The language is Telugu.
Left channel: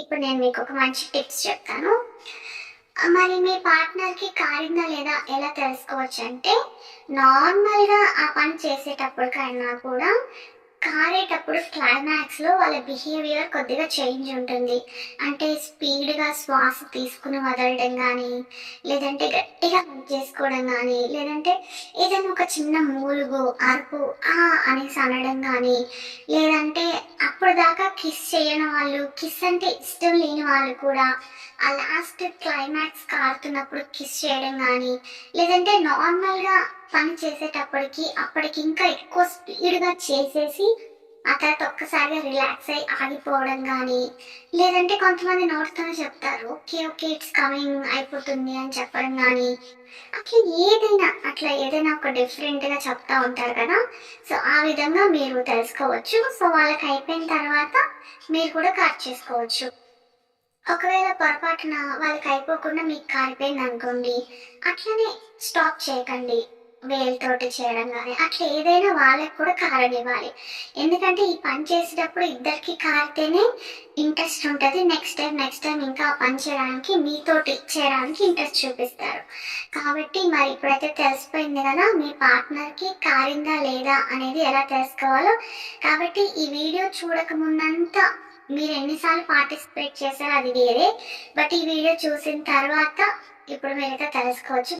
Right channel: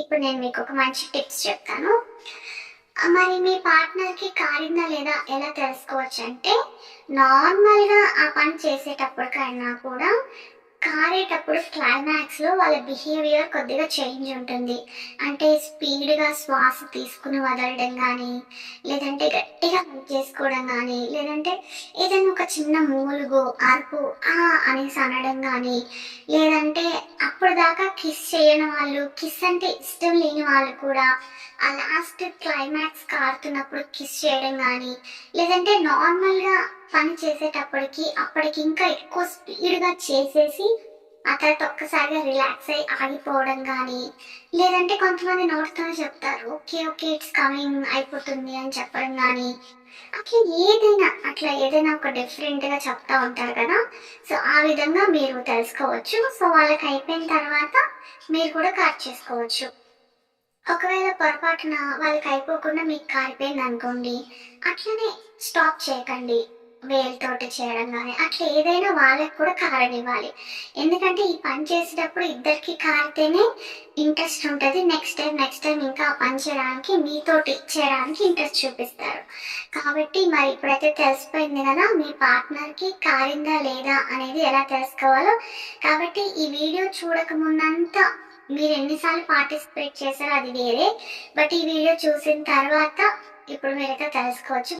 ఇప్పుడు నేను మీకు ఒక మంచి టిప్స్ చెప్తాను. మరి మీ పార్ట్నర్కి కారిందా లేదా ఎలా తెలుసుకోవచ్చు అంటే నార్మల్గా ఆ పని చేసేటప్పుడు కన్నా కూడా కారేటప్పుడు క్లైమాక్స్లో వాళ్ళ బిహేవియర్ కొద్దిగా చేంజ్ ఉంటుంది. అంటే స్పీడ్గా శ్వాస తీసుకుని వదలడం కానీ లేదంటే గట్టిగా హగ్ చేసుకోవడం కానీ లేదంటే ఏదైనా ఒక చిన్న మూలుగు అరుపు ఆ అనేసి అనడం కానీ లేదంటే అప్పుడు దాకా కిస్ చేయని వాళ్ళు కిస్ అంటే ఇష్టం లేని వాళ్ళు కూడా ఆ లాస్ట్ క్లైమాక్స్ కారుతున్నప్పుడు కిస్ చేయడం కానీ లేదంటే నార్మల్గా పని చేసేటప్పటికి అప్పటికి ఇంకా ఎక్కువ స్పీడ్గా చేసేసి ఆ తర్వాత ఒక్కసారిగా రిలాక్స్ అయ్యి ఆగిపోవడం కానీ లేదంటే కొంతమంది నోటితోనే చెప్తారు ఓకే ఓకే ఇట్స్ కమింగ్ అయిపోతుంది అని చెప్పడం కానీ అట్లా ఏదైనా అట్లా ఏదైనా ఒక డిఫరెంట్గా చెప్తా ఉంటారు కదా. సో ఆ విధంగా మీరు తెలుసుకోవచ్చు. సో వాళ్ళకి అయిపోయిన తర్వాత మీరు కూడా కట్ చేసుకోవచ్చు. ఒకవేళ పొరపాటున వాళ్ళకి అయిపోకుండా మీకు కారిపోయింది అనుకోండి అట్లనే స్టాప్ చేయకండి. వేలుతోటి చేయడం కానీ అట్లా ఏదైనా వాళ్ళకి కూడా కారనివ్వాలి ఎందుకంటే ఈ పని చేసేటప్పుడు ఇద్దరికి కారితేనే ఇంట్రెస్ట్ ఉంటుంది. నెక్స్ట్ టైం నెక్స్ట్ టైం ఇంకా పని చేయడానికి మీతోటి చేయడానికి ఇంట్రెస్ట్ చూపిస్తారు. కాబట్టి మరి ఇప్పుడైతే తెలిసిపోయింది కదా మీ పార్ట్నర్కి కారిందా లేదా అనేది ఎలా తెలుసుకోవాలో. కాబట్టి ఈ వీడియో చూడకముందంత మీరు ఎన్నిసార్లు పార్టిసిపేట్ చేశారో అది వేరే. బట్ ఈ వీడియో చూసిన తర్వాత ఇప్పుడు మీరైతే తెలుసుకోవచ్చు.